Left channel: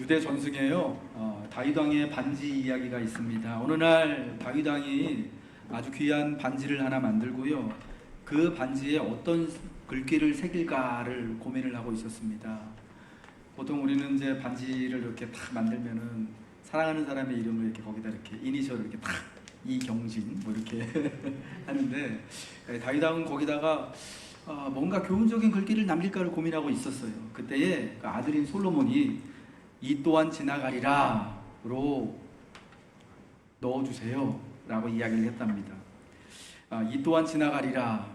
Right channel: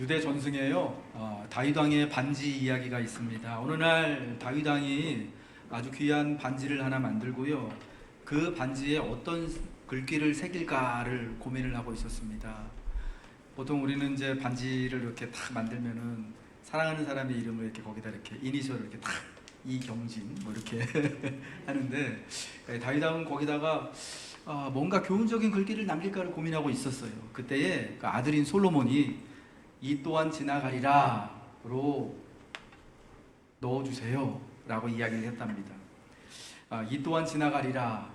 유대 전승에요. 다윗 왕의 반지 이야기가 있습니다. 어느 날 다윗 왕이 아주 귀한 반지를 하나 만들고요. 그 반지에 어떤 글귀를 새길까를 고민을 하고 있었습니다. 보통 우리는 이제 반지를 이렇게 탁 만들면은 사랑하는 사람의 이름을 이렇게 거기다 이렇게 이니셜을 이렇게 탁 이경진 뭐 이렇게 하는데 다윗 왕은 거기다가 뭔가 교훈적인 글귀를 남길까를 고민하고 있었어요. 그때에 그 아들인 솔로몬이 이 또한 지나가리라로 넣어주세요 라고 이야기를 했답니다. 이 또한 지나가리라.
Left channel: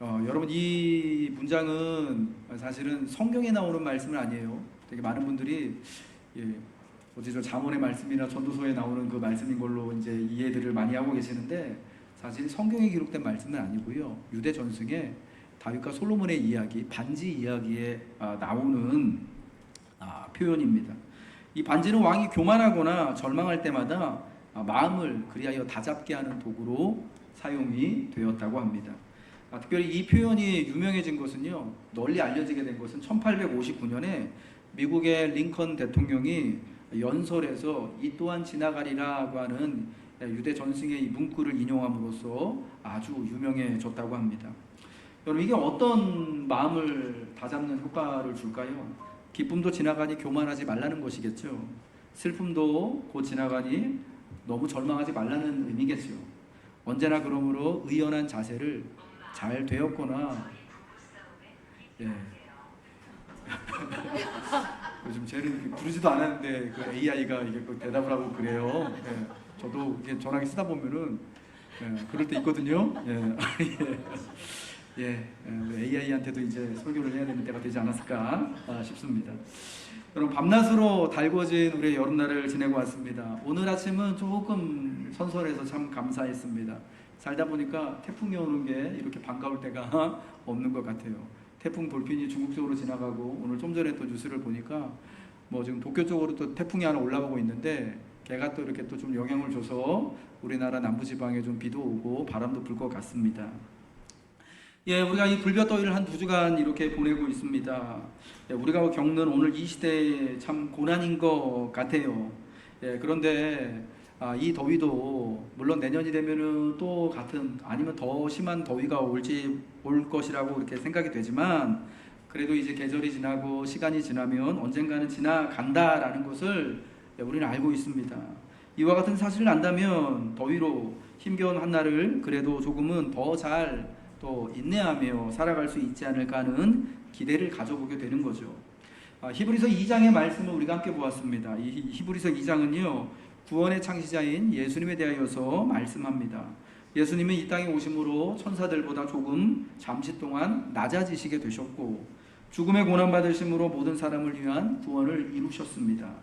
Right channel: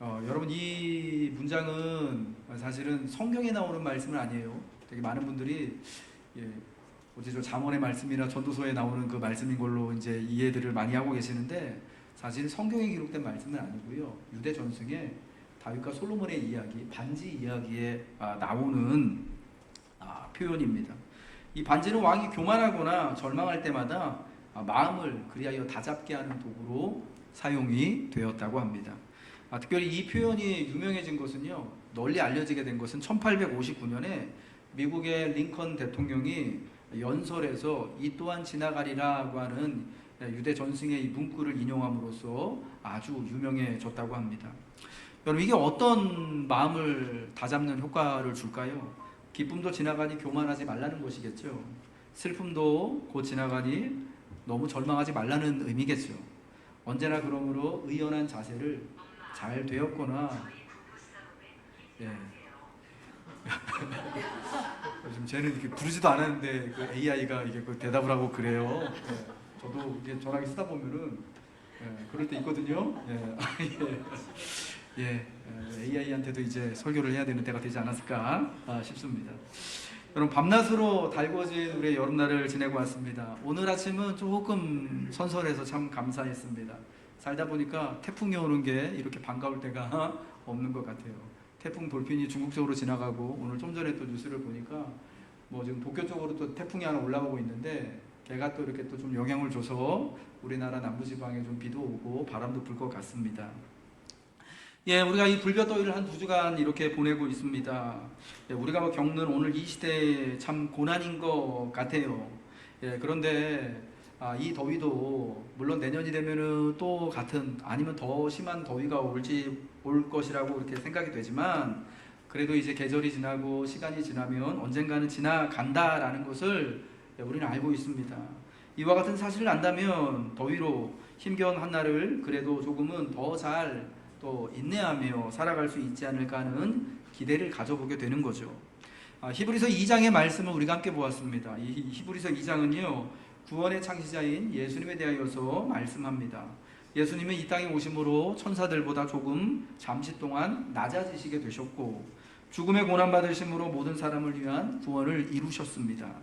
여러분, 이 문장은 사실은 성경에 나오는 말씀은 아니에요. 되게 많은 분들이 어디서 잠언의 말씀이나 전도서에 나오는 그 말씀인 걸로 이제 이해들을 많이 하고 계시는데, 사실 성경에 기록된 말씀은 아니고요. 유대 전승에 다윗과 솔로몬의 이야기, 반지 이야기에 나오는 표현입니다. 이 반지는 왕이 교만하거나 절망할 때마다 마음을 그리하여 다잡게 하는 도구로 사용이 되었다고 합니다. 특별히 이 표현이 유명해진 것은요, 널리 알려지게 된 것은 1859년에 미국의 링컨 대통령이 연설에서 이 또한 지나가리라고 하는 유대 전승의 이 문구를 인용함으로써 아주 유명해졌다고 합니다. 여러분, 이게 어떤 마음을 다잡는 효과를 줄까요? 기쁨도 지나가니 교만하지 말라는 것이겠죠. 슬픔도 곧 지나가니 너무 절망하지 말라는 의미겠죠. 언제나 그러므로 의연한 자세를 잘 되었거나, 요즘 쟤는 이렇게 부르지도 않았는데 그 AI가 이게 그 대답을 하고 그래요. 저도 이게 전화기 쓰다 보면은 그럴 때 있거든요. AI한테도 이제 설교를 해야 되는 때가 되지 않았을까 싶습니다. 여러분, 밤낮으로 달궈진 우리의 여름날을 지내고 왔습니다. 오늘 아침은 조금 선선해서 참 감사했습니다. 살다 보니까 태풍이 오는 게 이렇게 반가울 때가 없는 것 같아요. 태풍 돌핀이 중국 쪽으로 지나가고, 오늘 좀 전에 또 뉴스를 보니까 뭐 지금 도쿄 쪽으로 또 태풍이 하나 올라오고 있는데, 걔가 또 이렇게 또 좀 영향을 줘서 우리나라 남부지방에 좀 비도 오고 바람도 불 것 같습니다. 우리가 이 불볕더위를 한 2주간 이렇게 보내고 있습니다. 우리가 겪는 오늘 이 시대에 참 고난인 것 같아요. 그런데 이 더위도 물론 내년이 되면은 또 같은, 아니면 더 심한 더위가 올 것이라고 이렇게 생각이 되지만, 그래도 이제 계절이 지나고 시간이 지나면 언젠가는 지나간다라는 것을 우리는 알고 있습니다. 이와 같은 사실을 안다면 더위로 힘겨운 한날을 그래도 조금은 더 잘 또 인내하며 살아갈 수 있지 않을까 하는 기대를 가져보게 되는 거죠. 히브리서 2장의 말씀을 우리가 함께 보았습니다. 이 히브리서 2장은요, 구원의 창시자인 예수님에 대하여서 말씀합니다. 예수님은 이 땅에 오심으로 천사들보다 조금 잠시 동안 낮아지시게 되셨고, 죽음의 고난받으심으로 모든 사람을 위한 구원을 이루셨습니다.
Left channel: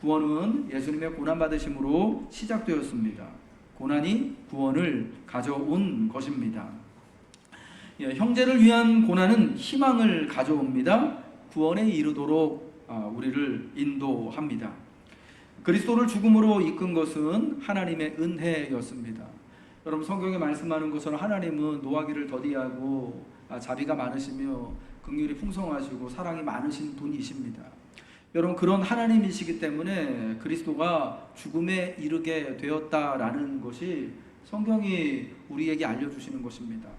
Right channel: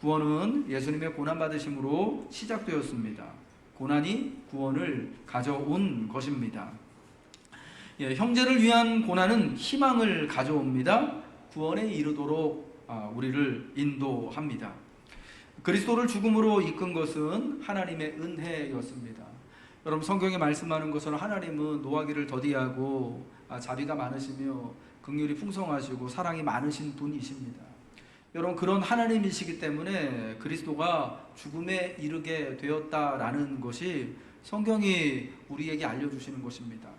구원은 예수님의 고난받으심으로 시작되었습니다. 고난이 구원을 가져온 것입니다. 형제를 위한 고난은 희망을 가져옵니다. 구원에 이르도록 우리를 인도합니다. 그리스도를 죽음으로 이끈 것은 하나님의 은혜였습니다. 여러분, 성경에 말씀하는 것은 하나님은 노하기를 더디하고 자비가 많으시며 긍휼이 풍성하시고 사랑이 많으신 분이십니다. 여러분, 그런 하나님이시기 때문에 그리스도가 죽음에 이르게 되었다라는 것이 성경이 우리에게 알려주시는 것입니다.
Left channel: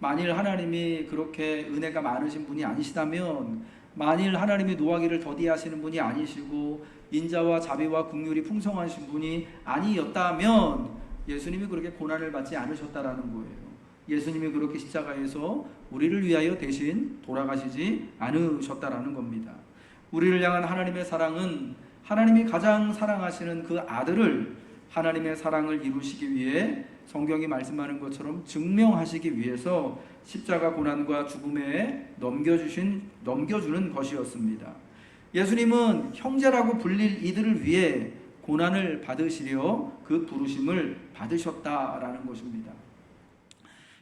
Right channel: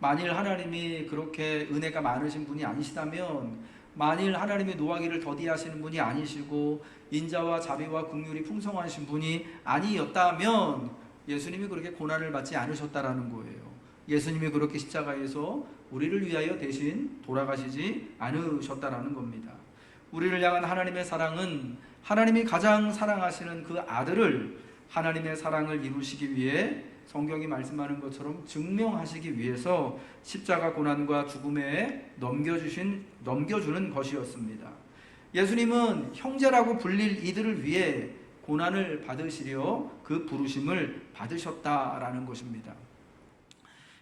만일 하나님이 그렇게 은혜가 많으신 분이 아니시다면, 만일 하나님이 노하기를 더디하시는 분이 아니시고 인자와 자비와 긍휼이 풍성하신 분이 아니었다면 예수님이 그렇게 고난을 받지 않으셨다라는 거예요. 예수님이 그렇게 십자가에서 우리를 위하여 대신 돌아가시지 않으셨다라는 겁니다. 우리를 향한 하나님의 사랑은 하나님이 가장 사랑하시는 그 아들을 하나님의 사랑을 이루시기 위해, 성경이 말씀하는 것처럼 증명하시기 위해서 십자가 고난과 죽음에 넘겨주는 것이었습니다. 예수님은 형제라고 불릴 이들을 위해 고난을 받으시려 그 부르심을 받으셨다라는 것입니다.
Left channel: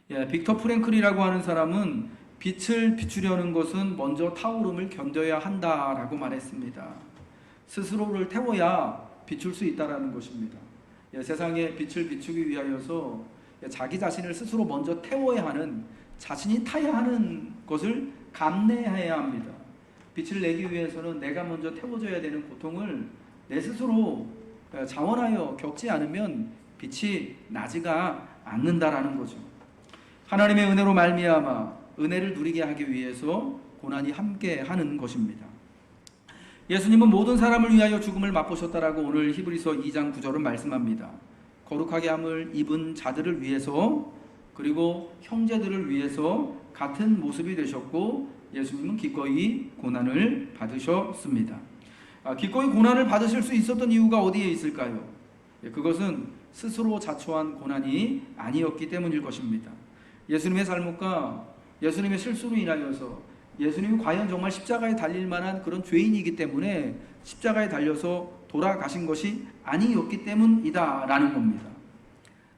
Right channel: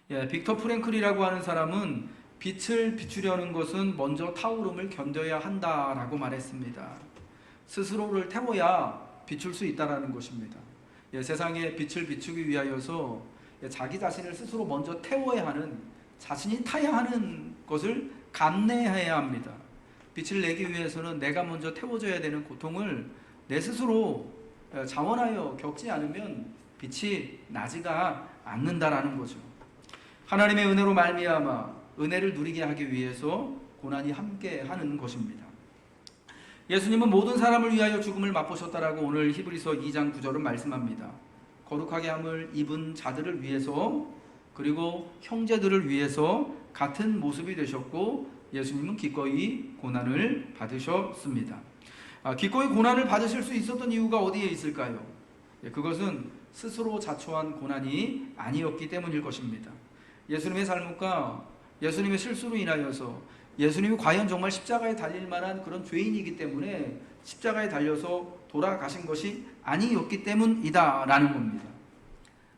빅터 프랭클이라고 하는 사람은 빛을 비추려는 것은 먼저 타오름을 견뎌야 한다라고 말했습니다. 스스로를 태워야 비출 수 있다라는 것입니다. 세상에 빛을 비추기 위하여서 자기 자신을 스스로 먼저 태워야 하는, 자신이 타야 하는 것을 감내해야 합니다. 빛을 내기 위해서는 내가 먼저 태워줘야 되는 고통을 내 스스로 자원하여 겪지 않으면 빛이 나지가 않는다라는 거죠. 하나님의 은혜로 말미암아 은혜를 누리게 하기 위해서 고난이 함께 하는 것입니다. 예수님은 모든 사람을 위하여 죽음을 맛보셨다라고 오늘 히브리서 2장 9절은 말씀합니다. 거룩하게 함을 입은 자들을 위해서, 그리고 형제들을 위해서 같은 모습이 되셨고, 예수님은 기꺼이 고난을 받으셨습니다. 기꺼이 고난을 받으실 수 있었던 이유가 어디에 있을까요? 그것은 스스로 자초한 고난이 아니었기 때문일 것입니다. 예수님의 잘못과 예수님의 실수로 인하여서 예수님이 과연 정말 십자가에 달릴 만한 그런 죄인이기 때문에 십자가에 달려서 돌아가신 것이 아니었기 때문이다라는 겁니다.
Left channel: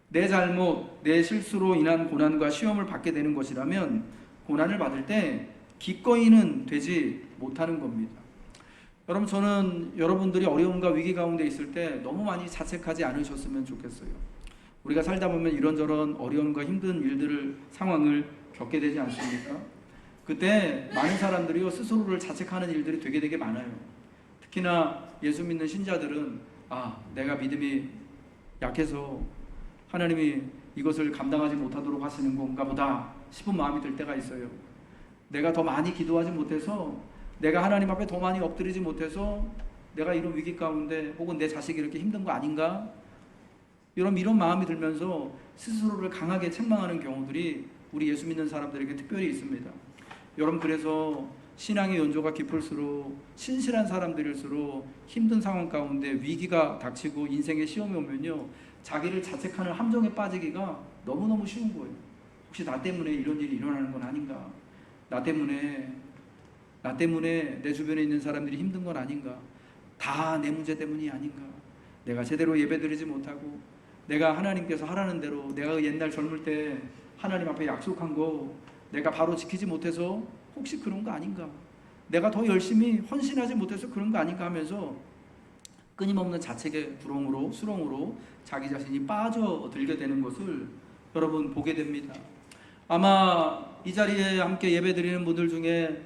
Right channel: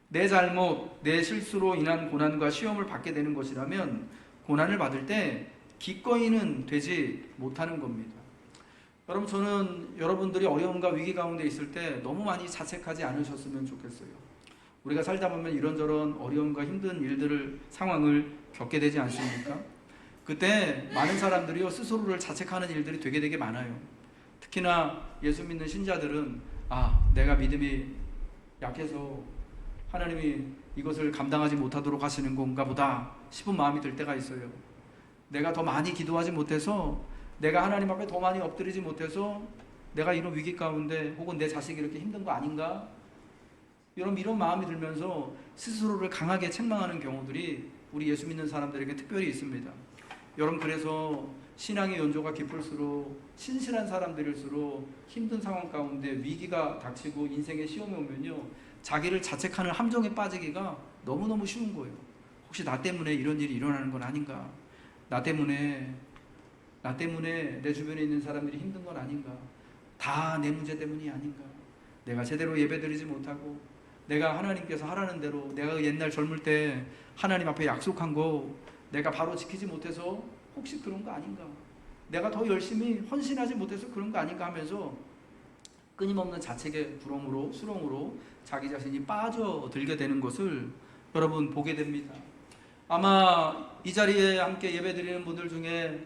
내 잘못, 내 실수로 인한 고난과 시험을 받게 되는 것이라면 고난을 받을 때 기꺼이는 되지 못하는 겁니다. 여러분, 저는 여러분들이 어려움과 위기 가운데 있을 때 너무 많이 자책하지 않으셨으면 좋겠어요. 우리가 살다 보면 이런저런 어려움과 힘든 일들을, 상황을 겪게 되지 않습니까? 그때 많은 사람들이요, 스스로를 자책하는 일들이 되게 많아요. 특히나 예수 믿는 신자들은 내가 믿음이 약해서 하나님이 이것을 감당하지 못하도록 하시는 건가 보다 싶은 마음이 들 때가 있어요. 내가 더 많이 기도하지 못해서, 내가 하나님 앞에 더 많이 엎드리지 못해서 내가 이런 위기 가운데, 혹은 내 자식이 이렇게 힘든 거 아닌가? 이런 마음이 들면서 스스로를 강하게 책망하는 경우들이 우리 예수 믿는 사람들에게 특별히 있습니다. 여러분, 그래서 신앙의 연조가 깊을수록, 신실한 사람들일수록 힘든 상황 가운데 위기가 닥치고 인생의 시험이 오면요, 자기를 자책하는 함정에 빠지기가 너무너무 쉬운 거예요. 혹시 나 때문에 이런 일이 일어나는 건 아닌가? 나 때문에 내 주변에 있는 사람들이 힘든 건 아닌가? 다 내 문제 때문이 아닌가? 내가 제대로 예배드리지 못하고, 내가 하나님께서 하라는 대로, 내가 옛날 젊을 때 하나님 앞에 약속한 거 내가 바로 지키지 못해서 혹시 그런 거 아닌가? 내가 더 열심히 헌신하지 못해서 그런 거 아닌가 하면서 끊임없는 자책의 구렁으로, 수렁으로 자기 자신이 빠져들게 되는 것을 여러분 보게 됩니다. 아마 이 자리에 함께 예배드리는 분들 중에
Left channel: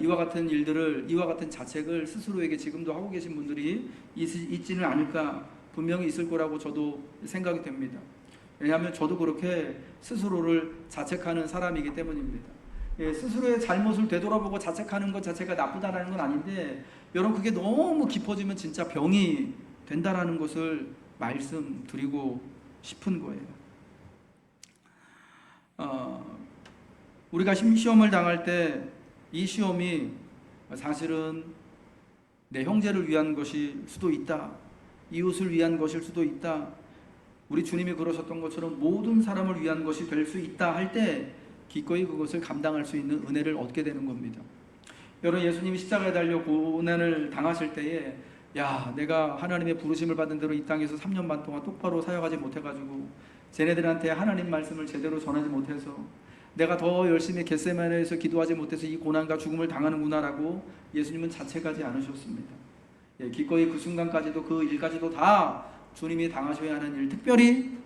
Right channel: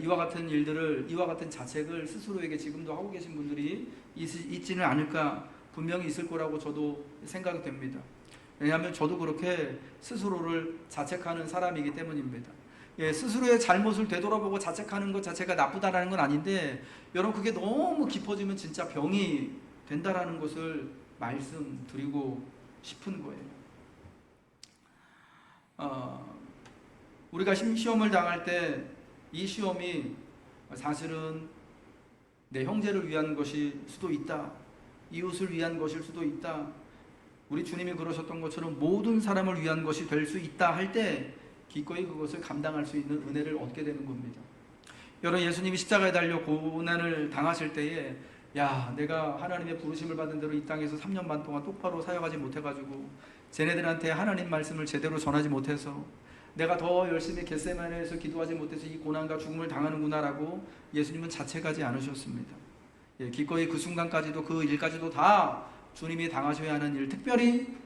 이와 같은 일들을, 이와 같은 자책을 스스로에게 지금도 하고 계신 분들이 있지는 않을까, 분명히 있을 거라고 저도 생각이 됩니다. 왜냐하면 저도 그렇게 스스로를 자책하는 사람이기 때문입니다. 스스로의 잘못을 되돌아보고 자책하는 것 자체가 나쁘다는 건 아닌데, 여러분, 그게 너무 깊어지면 진짜 병이 된다라는 것을 말씀드리고 싶은 거예요. 우리가 시험을 당할 때 이 시험이 사실은 내 형제를 위한 것일 수도 있다, 이웃을 위한 것일 수도 있다, 우리 주님이 그러셨던 것처럼 모든 사람을 위한 것이 될 수 있다 할 때 기꺼이 그것을 감당할 수 있는 은혜를 얻게 되는 겁니다. 여러분, 예수님이 십자가에 달려 고난을 당하실 때에, 내가 하나님의 부르심을 받은 대로 이 땅에서 3년 반 동안 똑바로 사역하지 못해가지고 쟤네들한테 하나님 말씀을 제대로 전하지 못해서, 내가 더 열심히 겟세마네에서 기도하지 못해서 이 고난과 죽음을 당하는구나라고 예수님은 자책하지 않으셨습니다. 기꺼이 그 순간까지도, 그 일까지도 다 주님이 당하셔야 하는 일, 특별히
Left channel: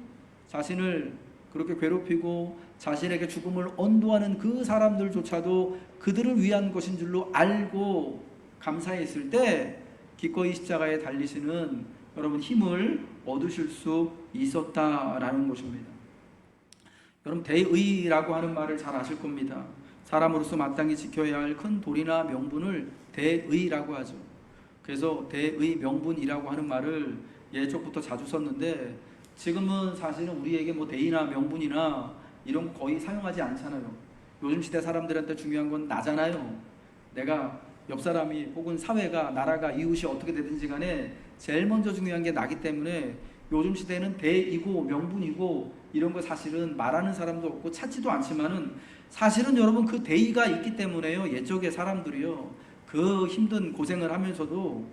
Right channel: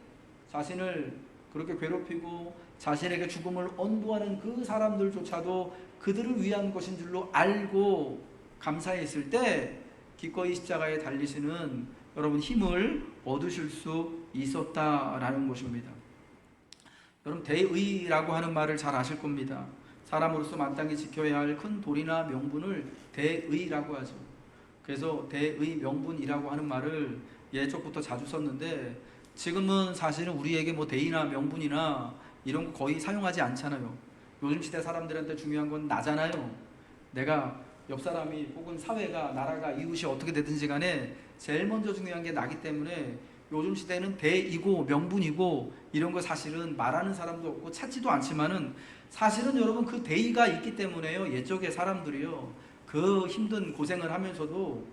자신을 그렇게 괴롭히고 자신에게 죽음을 언도하는 그 사람들조차도 그들을 위한 것인 줄로 알고 감사했을 때 기꺼이 십자가에 달리시는 여러분 힘을 얻으실 수 있었다라는 것입니다. 여러분, 대의라고 하는 말을 잘 아실 겁니다. 사람으로서 마땅히 지켜야 할 큰 도리나 명분을 대의라고 하죠. 그래서 대의 명분이라고 하는 말을 예적부터 자주 썼는데, 지금은 사실은 우리에게 대의나 명분이나 이런 거 거의 사용하지 않잖아요. 요즘 시대 사람들한테 중요한 건 나잖아요. 내가 옆 사람이, 혹은 사회가, 나라가, 이웃이 어떻게 되든지 간에 제일 먼저 중요한 게 나기 때문에 요즘 시대는 대이고 명분이고 이런 거 사실은 말하는 사람도 없고 찾지도 않지만은, 사실은 여러분 그 대의가 있기 때문에요, 옛적의 사람들이요, 그 힘든 고생을 하면서도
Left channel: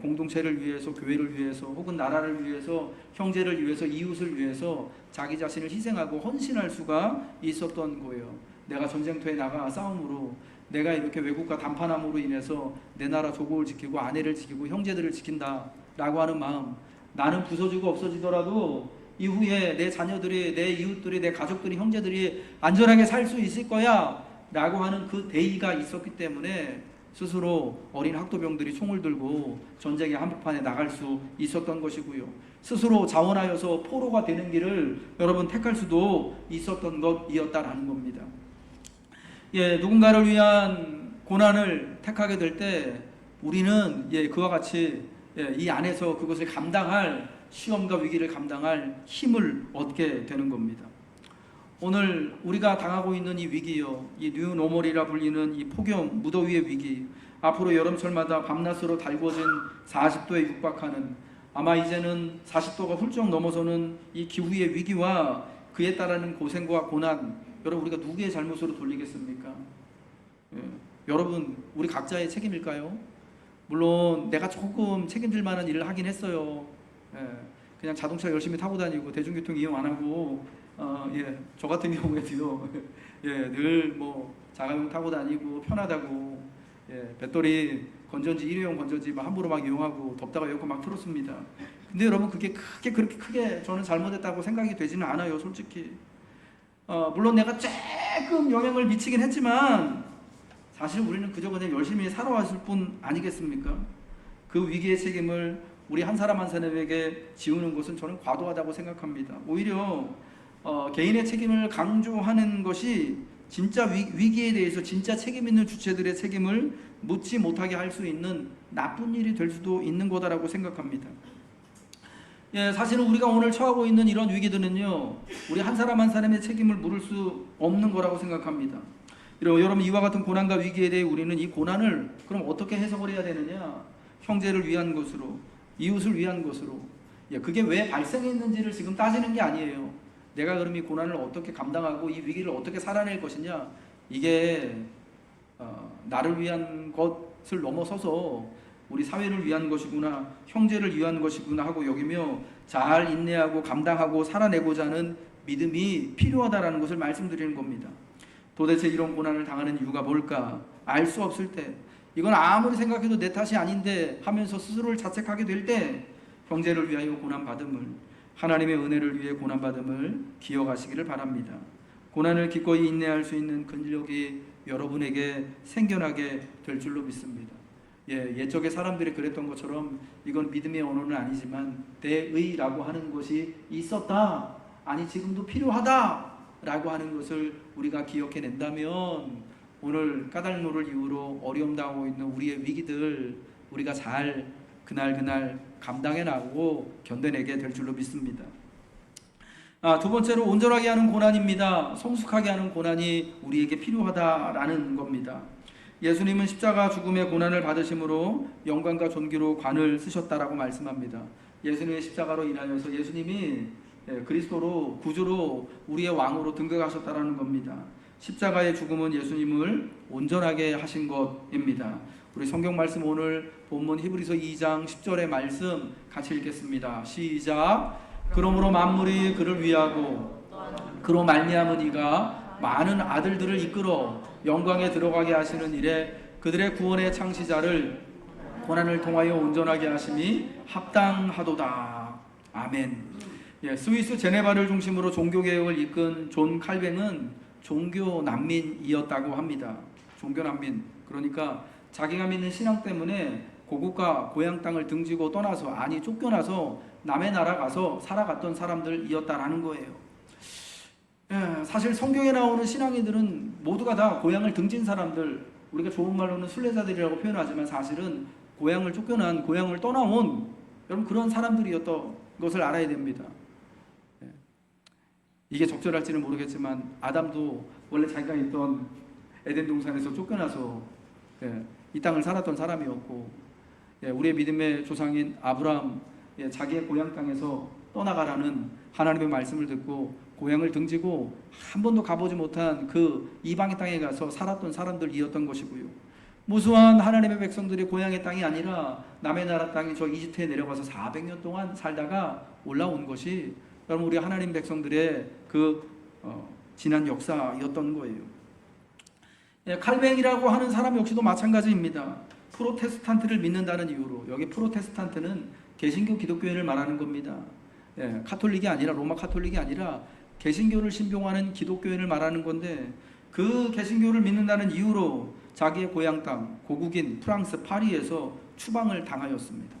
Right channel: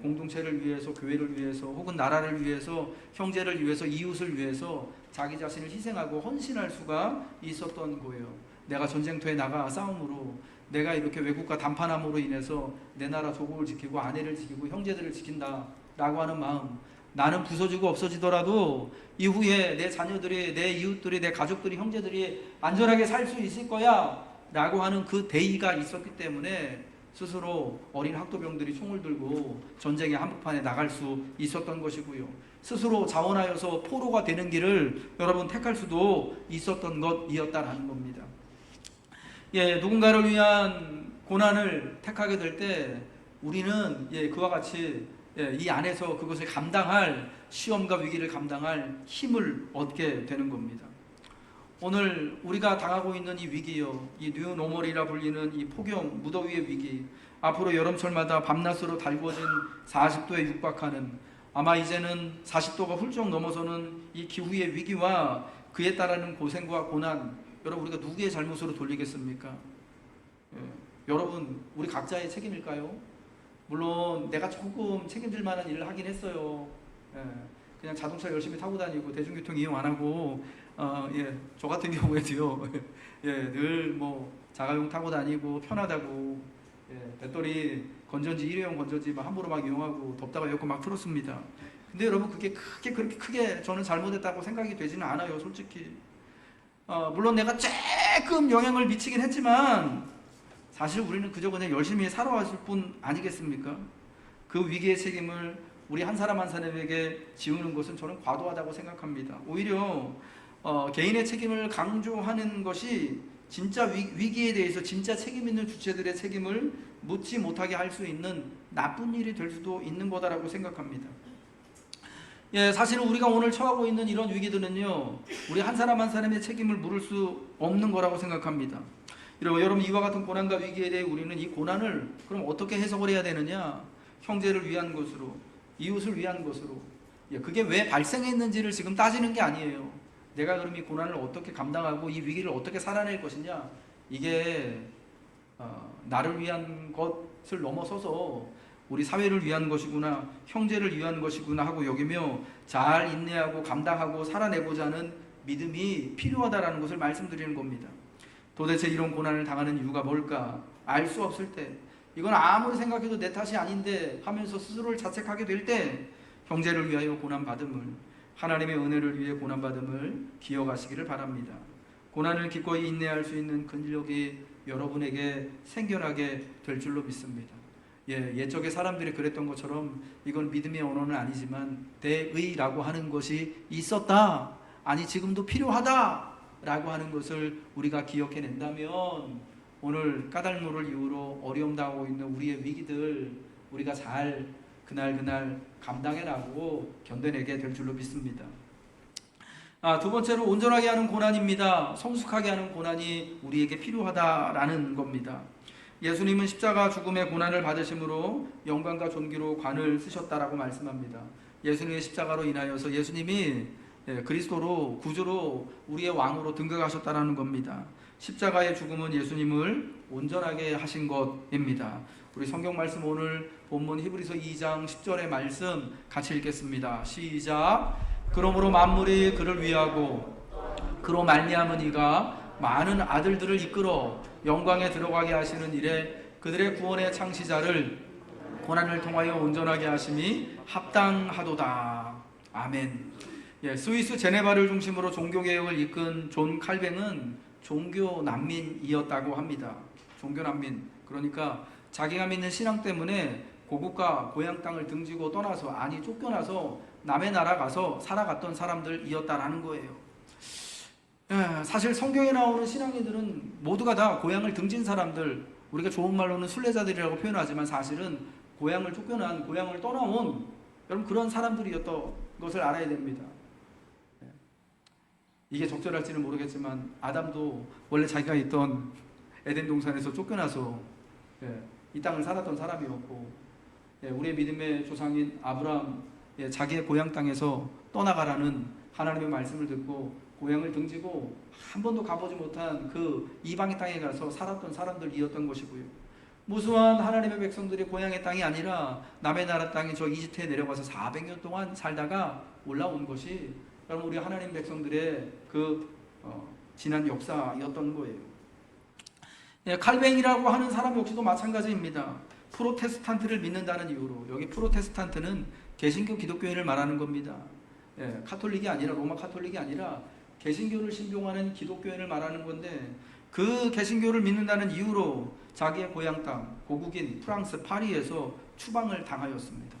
공동체를 위해서, 교회를 위해서, 혹은 나라를 위해서, 형제를 위해서, 이웃을 위해서 자기 자신을 희생하고 헌신할 수가 있었던 거예요. 내가 전쟁터에 나가 싸움으로, 내가 이렇게 외국과 담판함으로 인해서 내 나라 조국을 지키고 아내를 지키고 형제들을 지킨다 라고 하는 마음, 나는 부서지고 없어지더라도 이후에 내 자녀들이, 내 이웃들이, 내 가족들이, 형제들이 안전하게 살 수 있을 거야 라고 하는 그 대의가 있었기 때문에 스스로 어린 학도병들이 총을 들고 전쟁의 한복판에 나갈 수 있었던 것이고요. 스스로 자원하여서 포로가 되는 길을 여러분 택할 수도 있었던 것이었다라는 겁니다. 누군가를 위한 고난을 택하게 될 때 우리는 그와 같이 이 안에서 그것을 감당할 시험과 위기를 감당할 힘을 얻게 되는 겁니다. 오늘 우리가 당하고 있는 이 위기요, 이 뉴노멀이라 불리는 이 폭염, 무더위의 위기, 앞으로 여름철마다 밤낮으로 달궈진 40도에 육박하는, 아마 이제는 40도가 훌쩍 넘어서는 이 기후의 위기와 그에 따르는 고생과 고난, 여러분 우리가 누구의 잘못으로 돌리겠습니까? 여러분 우리 각자의 책임일까요? 물론 내가 조금 책임질 만한 일을 하긴 했어요. 그냥 자동차 열심히 타고 다니고 대중교통 이용 안 하고 저 같은 경우에도요. 늘 뭐 자가용 타고 다니고 편하다고 배터리 건전지 일회용 건전지 막 함부로 막 이용하고 덥다가 에어컨 막 틀었습니다. 근데 여러분 그게 그렇게 크게 저는 잘못했다고 생각이 되지는 않아요, 솔직히. 물론 내가 조금 영향을 미치긴 했지만 사실 우리는 그저 그냥 열심히 살아왔을 뿐 아니겠습니까? 그 위기의 책임을 우리 한 사람 한 사람에게 지우는 것은 저는 과도하다고 생각합니다. 오히려 개인의 책임을 강조하는 것이 진짜 위기에 대해서 진짜 책임 있는 주체들의 책임을 묻지 못하게 할 수 있는 나쁜 일이 될 수도 있는 거다라고 생각합니다. 사실은 우리가 오늘 처하고 있는 이런 위기들은요, 우리 한 사람 한 사람의 책임을 물을 수 없는 거라고 생각합니다. 여러분 이와 같은 고난과 위기에 대해 우리는 이 고난을 그럼 어떻게 해석을 해야 되느냐? 형제를 위한 것으로, 이웃을 위한 것으로. 그게 왜 발생했는지를 지금 따지는 게 아니에요. 내가 그럼 이 고난을 어떻게 감당하고 이 위기를 어떻게 살아낼 것이냐? 이게 나를 위한 것을 넘어서서 우리 사회를 위한 것이구나, 형제를 위한 것이구나 하고 여기며 잘 인내하고 감당하고 살아내고자 하는 믿음이 필요하다라는 것을 말씀드리는 겁니다. 도대체 이런 고난을 당하는 이유가 뭘까? 알 수 없을 때, 이건 아무리 생각해도 내 탓이 아닌데 하면서 스스로를 자책하게 될 때 형제를 위하여 고난받음을, 하나님의 은혜를 위해 고난받음을 기억하시기를 바랍니다. 고난을 기꺼이 인내할 수 있는 근력이 여러분에게 생겨나게 될 줄로 믿습니다. 옛적에 사람들이 그랬던 것처럼 이건 믿음의 언어는 아니지만 대의라고 하는 것이 있었다, 아니 지금도 필요하다 라고 하는 것을 우리가 기억해낸다면 오늘 까닭노를 이유로 어려움 당하고 있는 우리의 위기들 우리가 잘 그날 감당해 나가고 견뎌내게 될 줄로 믿습니다. 두 번째로 온전하게 하는 고난입니다. 성숙하게 하는 고난이 우리에게 필요하다라는 겁니다. 예수님은 십자가 죽음의 고난을 받으심으로 영광과 존귀로 관을 쓰셨다라고 말씀합니다. 예수님의 십자가로 인하여서 예수님이 그리스도로 구주로 우리의 왕으로 등극하셨다라는 겁니다. 십자가의 죽음은 예수님을 온전하게 하신 것입니다. 우리 성경 말씀 오늘 본문 히브리서 2장 10절의 말씀 같이 읽겠습니다. 시작. 그러므로 만물이 그를 위하고 그로 말미암은 이가 많은 아들들을 이끌어 영광에 들어가게 하시는 일에 그들의 구원의 창시자를 고난을 통하여 온전하게 하심이 합당하도다. 아멘. 스위스 제네바를 중심으로 종교개혁을 이끈 존 칼뱅은 종교 난민이었다고 합니다. 종교 난민. 그러니까 자기가 믿는 신앙 때문에 고국과 고향 땅을 등지고 떠나서, 아니 쫓겨나서 남의 나라 가서 살아갔던 사람들이었다라는 거예요. 사실 성경에 나오는 신앙인들은 모두가 다 고향을 등진 사람들, 우리가 좋은 말로는 순례자들이라고 표현하지만 사실은 고향을 쫓겨난, 고향을 떠나온 여러분 그런 사람들이었던 것을 알아야 됩니다. 이게 적절할지는 모르겠지만 아담도 원래 자기가 있던 에덴 동산에서 쫓겨나서 이 땅을 살았던 사람이었고, 우리의 믿음의 조상인 아브라함, 자기의 고향 땅에서 떠나가라는 하나님의 말씀을 듣고 고향을 등지고 한 번도 가보지 못한 그 이방의 땅에 가서 살았던 사람들이었던 것이고요. 무수한 하나님의 백성들이 고향의 땅이 아니라 남의 나라 땅인 저 이집트에 내려가서 400년 동안 살다가 올라온 것이 여러분 우리 하나님 백성들의 그 지난 역사였던 거예요. 칼뱅이라고 하는 사람 역시도 마찬가지입니다. 프로테스탄트를 믿는다는 이유로, 여기 프로테스탄트는 개신교 기독교인을 말하는 겁니다. 카톨릭이 아니라, 로마 카톨릭이 아니라 개신교를 신봉하는 기독교인을 말하는 건데, 그 개신교를 믿는다는 이유로 자기의 고향 땅 고국인 프랑스 파리에서 추방을 당하였습니다.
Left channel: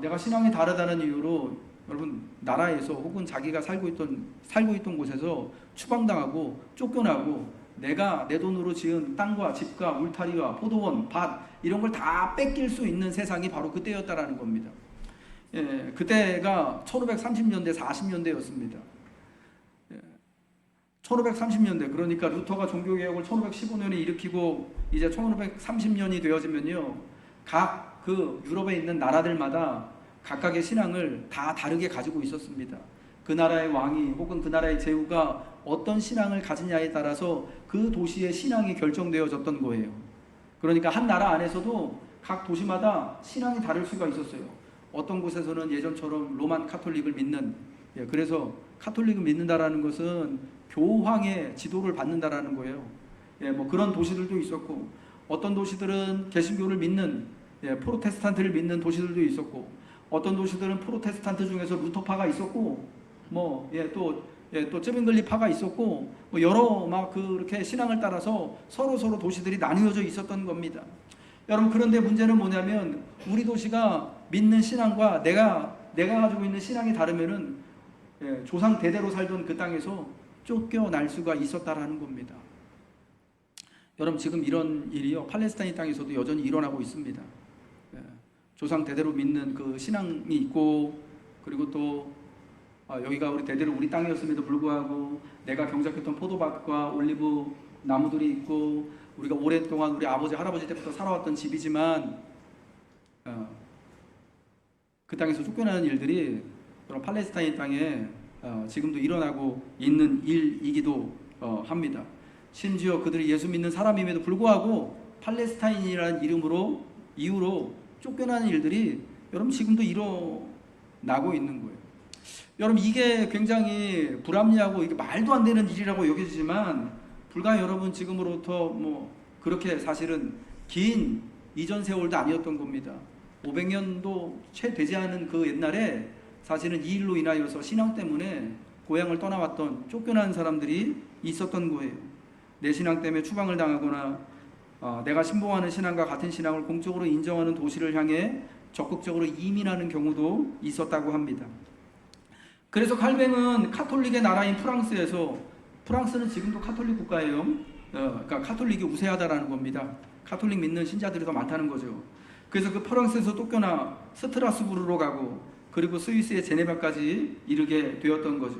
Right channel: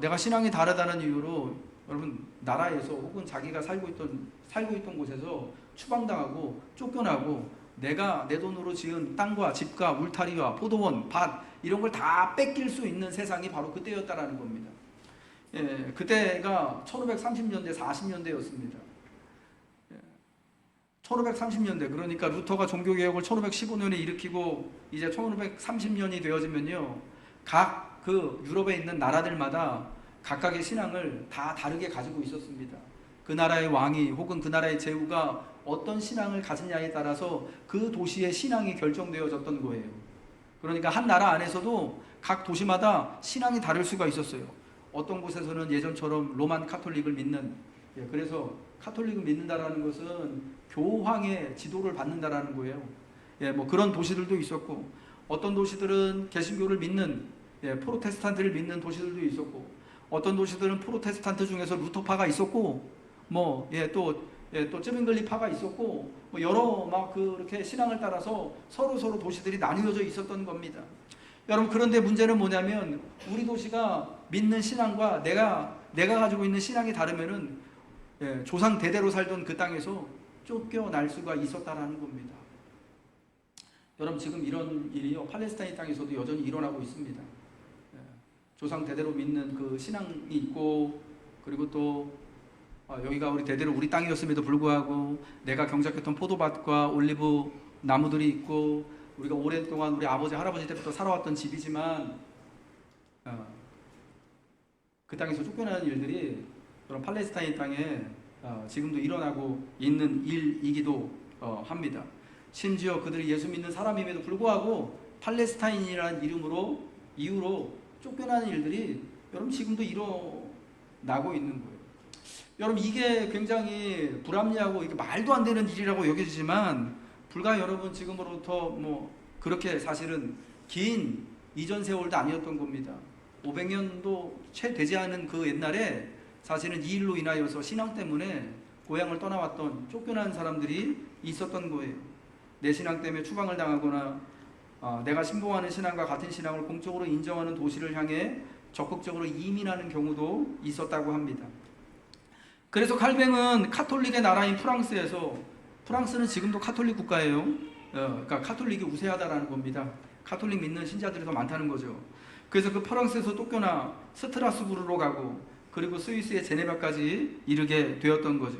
내가 신앙이 다르다는 이유로 여러분 나라에서 혹은 자기가 살고 있던 곳에서 추방당하고 쫓겨나고 내가 내 돈으로 지은 땅과 집과 울타리와 포도원, 밭 이런 걸 다 뺏길 수 있는 세상이 바로 그때였다라는 겁니다. 예, 그때가 1530년대 40년대였습니다. 1530년대 그러니까 루터가 종교개혁을 1515년에 일으키고 이제 1530년이 되어지면요 각 그 유럽에 있는 나라들마다 각각의 신앙을 다 다르게 가지고 있었습니다. 그 나라의 왕이 혹은 그 나라의 제후가 어떤 신앙을 가지냐에 따라서 그 도시의 신앙이 결정되어졌던 거예요. 그러니까 한 나라 안에서도 각 도시마다 신앙이 다를 수가 있었어요. 어떤 곳에서는 예전처럼 로만 카톨릭을 믿는, 그래서 카톨릭을 믿는다라는 것은 교황의 지도를 받는다라는 거예요. 뭐 그런 도시들도 있었고, 어떤 도시들은 개신교를 믿는, 프로테스탄트를 믿는 도시들도 있었고, 어떤 도시들은 프로테스탄트 중에서 루터파가 있었고, 또 쯔빙글리파가 있었고, 뭐 여러 막 그렇게 신앙을 따라서 서로 도시들이 나뉘어져 있었던 겁니다. 여러분 그런데 문제는 뭐냐면 우리 도시가 믿는 신앙과 내가 가지고 있는 신앙이 다르면은 조상 대대로 살던 그 땅에서 쫓겨날 수가 있었다라는 겁니다. 여러분 지금 이런 일이요 팔레스타인 땅에서도 여전히 일어나고 있습니다. 조상 대대로 믿는 그 신앙이 있고, 그리고 또 여기가 우리 대대로 우리 땅이었음에도 불구하고 내가 경작했던 포도밭과 올리브 나무들이 있고 우리가 오랫동안 우리 아버지 할아버지 때부터 살아왔던 집이지만 그 땅에서 쫓겨나는 일들이 그런 팔레스타인 땅에 지금도 일어나고 있는 일이기도 합니다. 심지어 그들이 예수 믿는 사람임에도 불구하고 팔레스타인이라는 이유로 쫓겨나는 일들이 여러분 지금도 일어나고 있는 거예요. 여러분 이게 굉장히 불합리하고 이게 말도 안 되는 일이라고 여겨지지만 불과 여러분 지금으로부터 뭐 그렇게 사실은 긴 이전 세월도 아니었던 겁니다. 500년도 채 되지 않은 그 옛날에 사실은 이 일로 인하여서 신앙 때문에 고향을 떠나왔던 쫓겨난 사람들이 있었던 거예요. 내 신앙 때문에 추방을 당하거나 내가 신봉하는 신앙과 같은 신앙을 공적으로 인정하는 도시를 향해 적극적으로 이민하는 경우도 있었다고 합니다. 그래서 칼뱅은 카톨릭의 나라인 프랑스는 지금도 카톨릭 국가예요. 그러니까 카톨릭이 우세하다라는 겁니다. 카톨릭 믿는 신자들이 더 많다는 거죠. 그래서 그 프랑스에서 쫓겨나 스트라스부르로 가고 그리고 스위스의 제네바까지 이르게 되었던 거죠.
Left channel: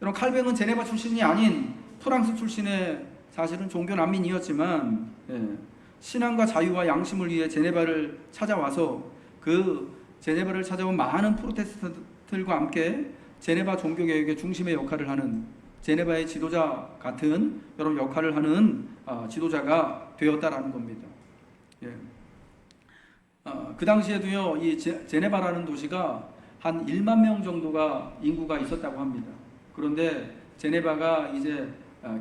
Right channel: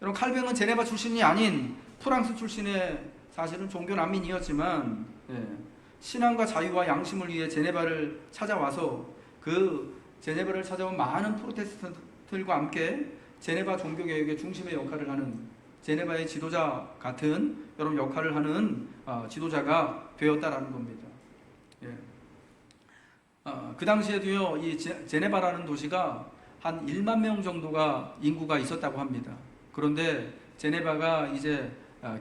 여러분 칼뱅은 제네바 출신이 아닌 프랑스 출신의 사실은 종교 난민이었지만 신앙과 자유와 양심을 위해 제네바를 찾아와서 그 제네바를 찾아온 많은 프로테스탄트들과 함께 제네바 종교개혁의 중심의 역할을 하는 제네바의 지도자 같은 여러 역할을 하는 지도자가 되었다라는 겁니다. 그 당시에도요, 이 제네바라는 도시가 한 1만 명 정도가 인구가 있었다고 합니다. 그런데 제네바가 이제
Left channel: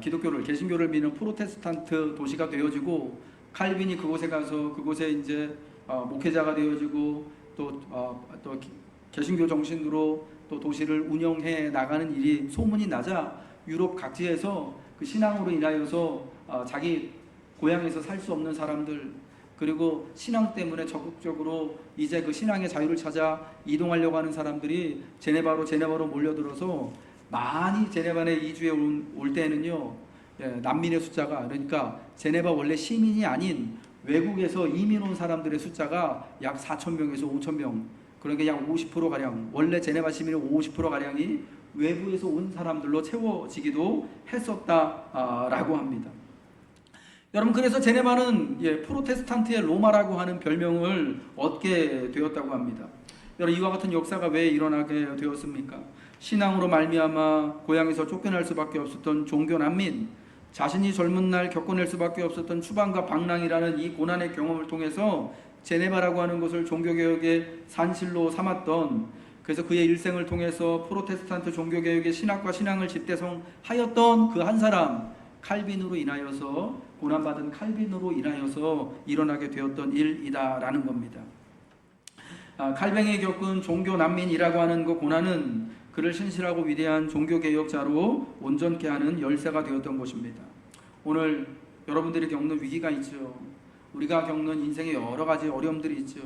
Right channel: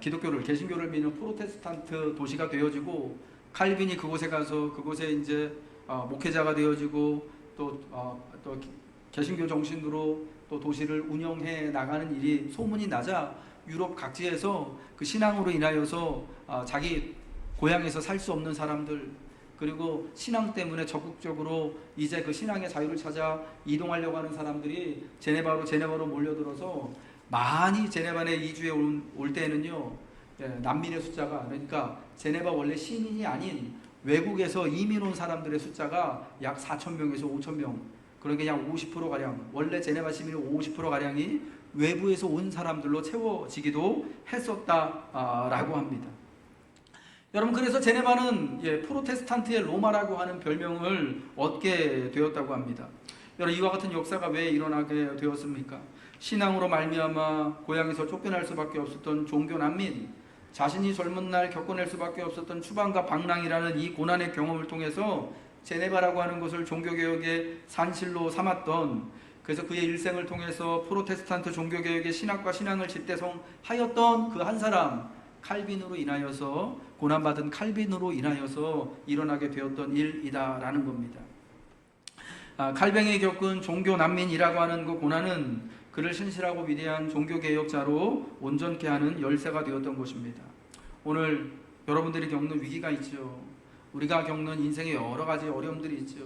기독교를 개신교를 믿는 프로테스탄트 도시가 되어지고 칼빈이 그곳에 가서 그곳에 이제 목회자가 되어지고 또 개신교 정신으로 또 도시를 운영해 나가는 일이 소문이 나자 유럽 각지에서 그 신앙으로 인하여서 자기 고향에서 살 수 없는 사람들 그리고 신앙 때문에 적극적으로 이제 그 신앙의 자유를 찾아 이동하려고 하는 사람들이 제네바로 몰려들어서 많이 제네바에 이주해 올 때는요 난민의 숫자가 그러니까 제네바 원래 시민이 아닌 외국에서 이민 온 사람들의 숫자가 약 4,000명에서 5,000명 그러니까 약 50%가량 원래 제네바 시민의 50%가량이 외부에서 온 사람들로 채워지기도 했었다라고 합니다. 여러분 그래서 제네바는 프로테스탄트의 로마라고 하는 별명을 얻게 되었다고 합니다. 여러분 이와 같은 역사가 왜 일어나게 되었습니까? 신앙으로 말미암아 고향에서 쫓겨날 수밖에 없었던 종교 난민, 자신이 젊은 날 겪어낼 수밖에 없었던 추방과 방랑이라는 이 고난의 경험을 통해서 제네바라고 하는 것을 종교개혁의 산실로 삼았던 그래서 그의 일생을 통해서 프로테스탄트 종교개혁의 신학과 신앙을 집대성하였던 그 한 사람 칼빈으로 인하여서 고난받은 칼빈으로 인하여서 일어나게 되었던 일이다라는 겁니다. 칼뱅이 겪은 종교 난민이라고 하는 그 고난은 그를 신실하고 위대한 종교개혁자로 온전케 하는 열쇠가 되었던 것입니다. 오늘 여러분들이 겪는 위기가 있죠. 우리가 겪는 인생의 여러 가지 어려움들이 있죠.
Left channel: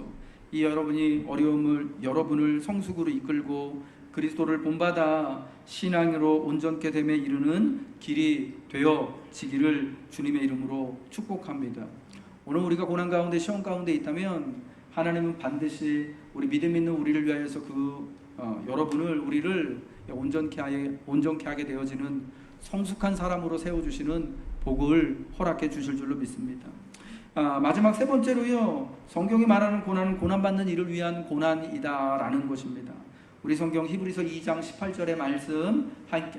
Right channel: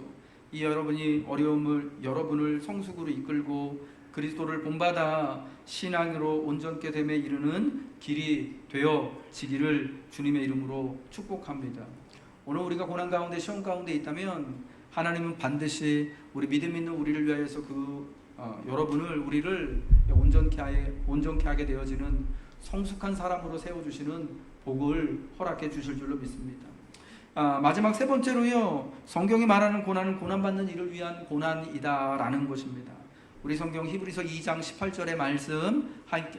이 여러분을 성숙으로 이끌고 그리스도를 본받아 신앙으로 온전케 됨에 이르는 길이 되어지기를 주님의 이름으로 축복합니다. 오늘 우리가 고난 가운데 시험 가운데 있다면 하나님은 반드시 우리 믿음 있는 우리를 위하여서 여러분을 우리를 온전케 하게 되어지는 성숙한 사람으로 세워주시는 복을 허락해 주실 줄로 믿습니다. 마지막 세 번째로요, 성경이 말하는 고난은 고난받는 이를 위한 고난이다라는 것입니다. 우리 성경 히브리서 2장 18절의 말씀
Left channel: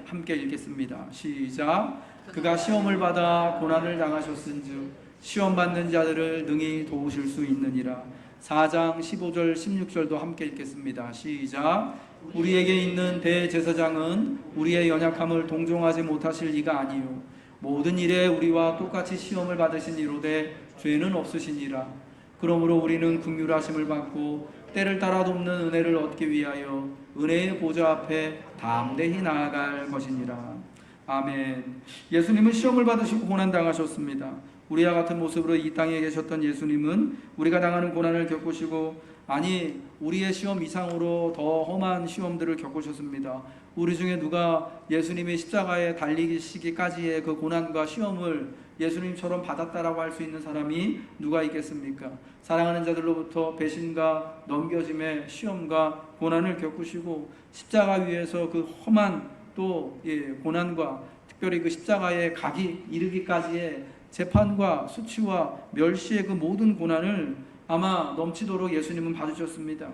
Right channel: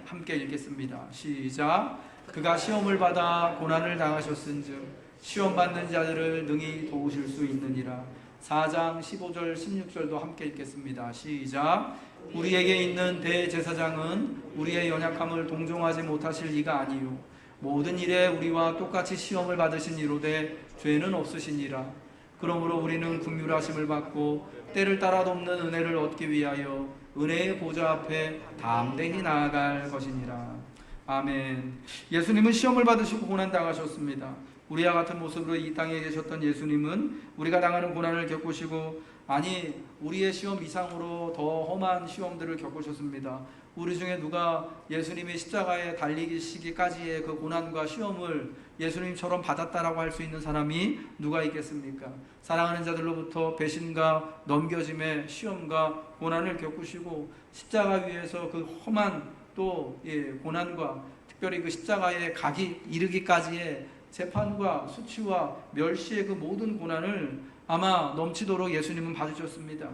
함께 읽겠습니다. 시작. 그가 시험을 받아 고난을 당하셨은즉 시험 받는 자들을 능히 도우실 수 있느니라. 4장 15절 16절도 함께 읽겠습니다. 시작. 우리에게 있는 대제사장은 우리의 연약함을 동정하지 못하실 이가 아니요 모든 일에 우리와 똑같이 시험을 받으신 이로되 죄는 없으시니라. 그러므로 우리는 긍휼하심을 받고 때를 따라 돕는 은혜를 얻기 위하여 은혜의 보좌 앞에 담대히 나아갈 것이니라. 아멘. 예수님은 시험을 받으시고 고난당하셨습니다. 우리와 같은 모습으로 이 땅에 계셨던 예수님은 우리가 당하는 고난을 겪으시고, 아니 우리의 시험 이상으로 더 험한 시험들을 겪으셨습니다. 우리 중에 누가 예수님이 십자가에 달리시기까지의 그 고난과 시험을 예수님처럼 받았다라고 할 수 있는 사람이 누가 있겠습니까? 사랑하는 자들로부터 배신과 넘겨짐의 시험과 고난을 겪으시고 십자가 위에서 그 험한 또 고난과 특별히 그 십자가에 이르기까지의 재판과 수치와 멸시의 그 모든 고난을 아마 넘치도록 예수님은 받으셨습니다.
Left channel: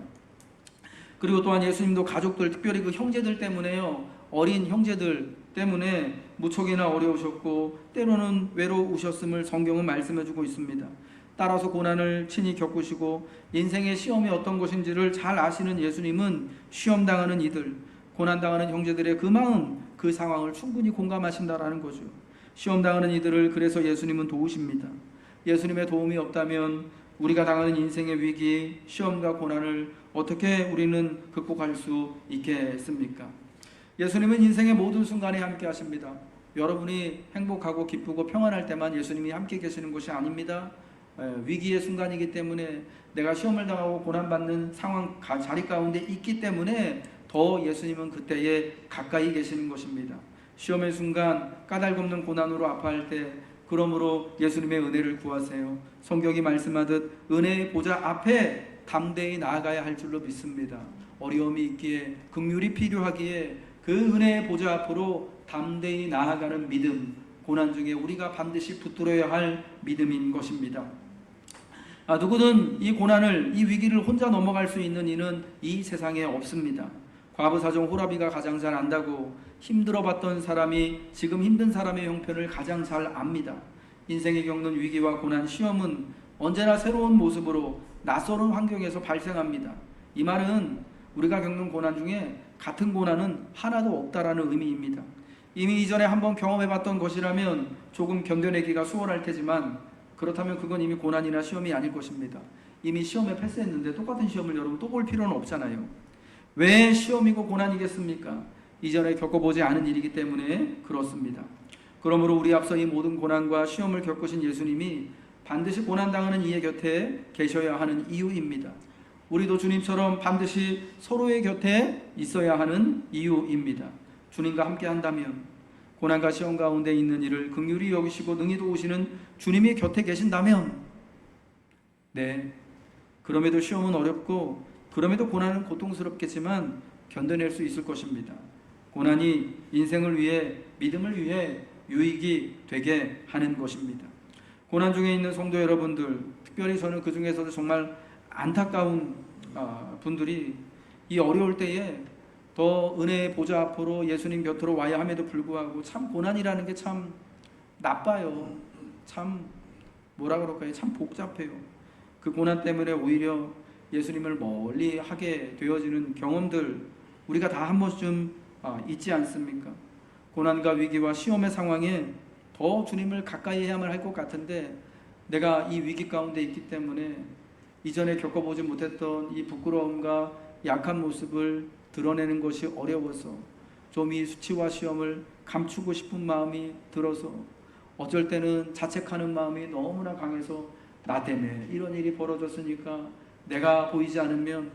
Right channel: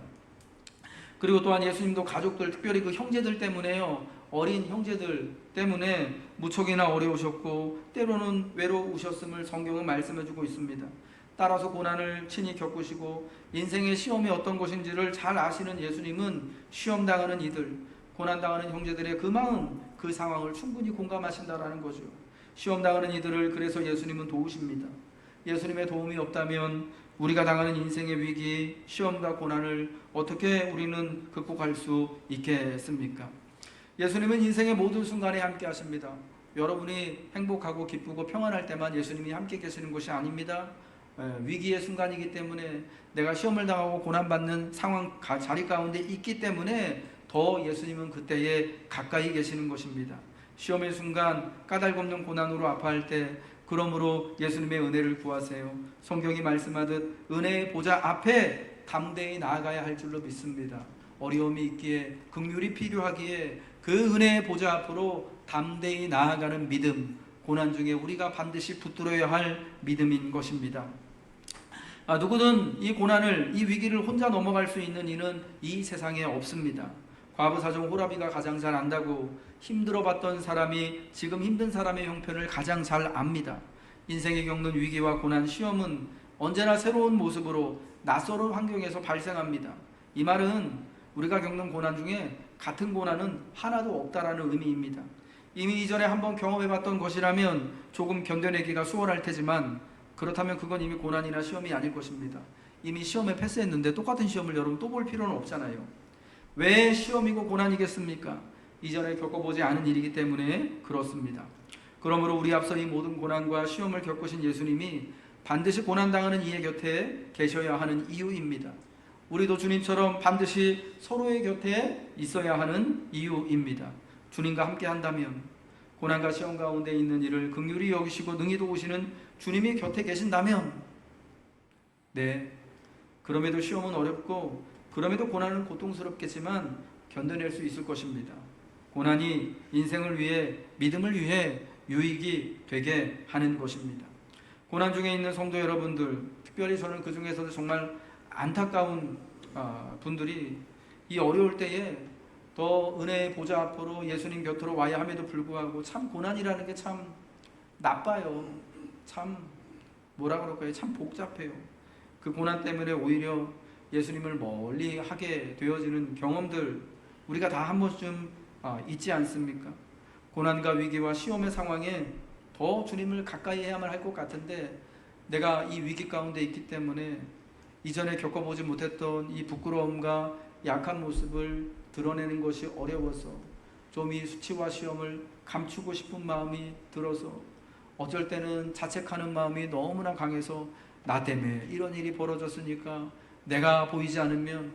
그리고 또한 예수님도 가족들, 특별히 그 형제들 때문에요, 어린 형제들 때문에 무척이나 어려우셨고 때로는 외로우셨음을 성경은 말씀해주고 있습니다. 따라서 고난을 친히 겪으시고 인생의 시험이 어떤 것인지를 잘 아시는 예수님은 시험당하는 이들, 고난당하는 형제들의 그 마음, 그 상황을 충분히 공감하신다라는 거죠. 시험당하는 이들을 그래서 예수님은 도우십니다. 예수님의 도움이 없다면 우리가 당하는 인생의 위기, 시험과 고난을 어떻게 우리는 극복할 수 있겠습니까? 예수님은 인생의 모든 순간에 함께 하십니다. 여러분이 행복하고 기쁘고 평안할 때만 예수님이 함께 계시는 것이 아닙니다. 위기의 순간이기 때문에, 내가 시험을 당하고 고난받는 상황 자리 가운데 있기 때문에 더 예수님은 그때에 가까이 계시는 것입니다. 시험의 순간 까닭없는 고난으로 아파할 때 그러므로 예수님의 은혜를 구하세요. 성경이 말씀하듯 은혜의 보좌 앞에 담대히 나아가야 할 줄로 믿습니다. 어려움이 있기에, 긍휼이 필요하기에 그 은혜의 보좌 앞으로 담대히 나아가는 믿음, 고난 중에 우리가 반드시 붙들어야 할 믿음인 것입니다. 누구든 이 고난을, 이 위기를 혼자 넘어갈 수 있는 이는 이 세상에 없습니다. 과부 사종 호라비가 가장 잘 안다고, 힘들어봤던 사람이 지금 힘든 사람의 형편을 가장 잘 압니다. 인생이 겪는 위기와 고난, 시험은 언제나 새로운 모습으로 낯설은 환경에서 발생합니다. 이 말은 우리가 겪는 고난 중에 같은 고난은 하나도 없다라는 의미입니다. 이미 이전에 한번 경험해봤던 것이라면 조금 견뎌내기가 수월할 테지만, 그렇다면 그건 이미 고난이나 시험이 아닐 것입니다. 이미 시험에 패스했는데 똑같은 시험을 여러분 또 볼 필요는 없잖아요. 왜 시험이고 고난이겠습니까? 이전에 겪어보지 않은 일이기 때문에 그렇습니다. 그러므로 우리 앞서 이 모든 고난과 시험을 겪으신 예수님이 반드시 고난당하는 이의 곁에 계셔야 하는 이유입니다. 우리도 주님처럼 반드시 서로의 곁에 있어야 하는 이유입니다. 주님과 함께 한다면, 고난과 시험 가운데 있는 이를 긍휼히 여기시고 능히 도우시는 주님이 곁에 계신다면, 그럼에도 시험은 어렵고 그럼에도 고난은 고통스럽겠지만 견뎌낼 수 있을 것입니다. 고난이 인생을 위해, 믿음을 위해 유익이 되게 하는 것입니다. 고난 중에 있는 성도 여러분들, 특별히 저는 그 중에서도 정말 안타까운 분들이 이 어려울 때에 더 은혜의 보좌 앞으로 예수님 곁으로 와야 함에도 불구하고 참 고난이라는 게 참 나빠요. 참 뭐라 그럴까요? 참 복잡해요. 그 고난 때문에 오히려 예수님을 멀리 하게 되어지는 경험들 우리가 다 한 번쯤 있지 않습니까? 고난과 위기와 시험의 상황에 더 주님을 가까이 해야만 할 것 같은데, 내가 이 위기 가운데 있기 때문에 이전에 겪어보지 못했던 이 부끄러움과 약한 모습을 드러내는 것이 어려워서 좀 이 수치와 시험을 감추고 싶은 마음이 들어서 어쩔 때는 자책하는 마음이 너무나 강해서 나 때문에 이런 일이 벌어졌으니까 내가 보이지 않으면,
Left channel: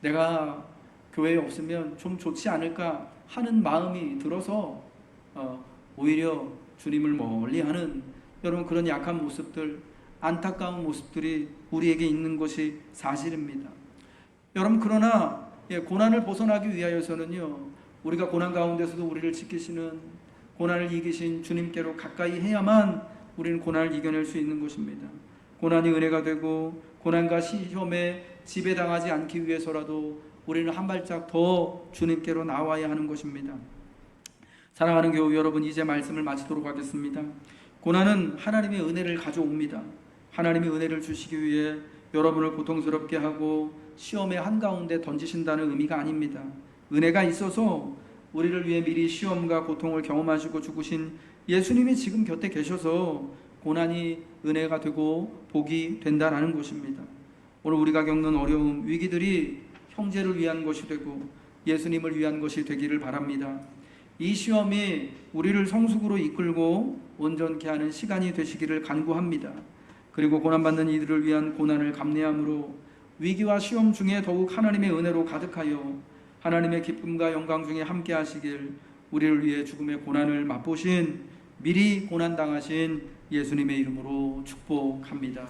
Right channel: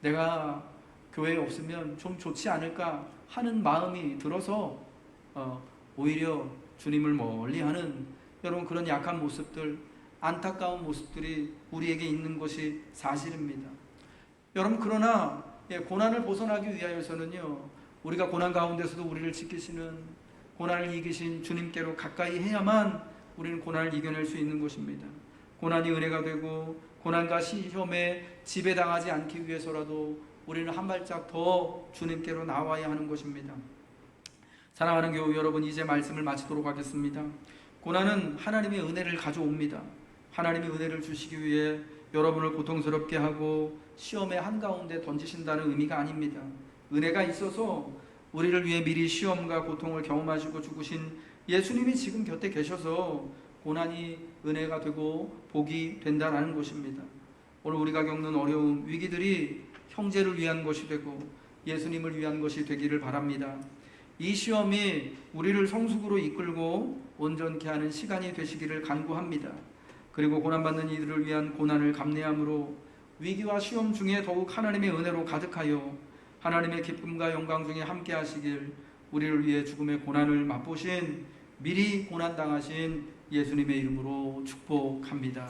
내가 교회에 없으면 좀 좋지 않을까 하는 마음이 들어서 오히려 주님을 멀리하는, 여러분, 그런 약한 모습들, 안타까운 모습들이 우리에게 있는 것이 사실입니다. 여러분, 그러나 고난을 벗어나기 위하여서는요, 우리가 고난 가운데서도 우리를 지키시는, 고난을 이기신 주님께로 가까이 해야만 우리는 고난을 이겨낼 수 있는 것입니다. 고난이 은혜가 되고 고난과 시험에 지배당하지 않기 위해서라도 우리는 한 발짝 더 주님께로 나와야 하는 것입니다. 사랑하는 교우 여러분, 이제 말씀을 마치도록 하겠습니다. 고난은 하나님의 은혜를 가져옵니다. 하나님의 은혜를 주시기 위해 여러분을 고통스럽게 하고 시험의 한가운데 던지신다는 의미가 아닙니다. 은혜가 있어서 우리를 위해 미리 시험과 고통을 경험하시고 죽으신 예수님이 지금 곁에 계셔서 고난이 은혜가 되고 복이 된다는 것입니다. 오늘 우리가 겪는 어려움, 위기들이 형제를 위한 것이 되고 예수님을 위한 것이 되기를 바랍니다. 이 시험이 우리를 성숙으로 이끌고 온전케 하는 시간이 되시기를 간구합니다. 그리고 고난받는 이들을 위한 고난을 감내함으로 위기와 시험 중에 더욱 하나님의 은혜로 가득하여 하나님의 기쁨과 영광 중에 함께 하시길 우리를 위해 죽음의 고난을 맛보신, 미리 고난당하신 예수님의 이름으로 축복합니다.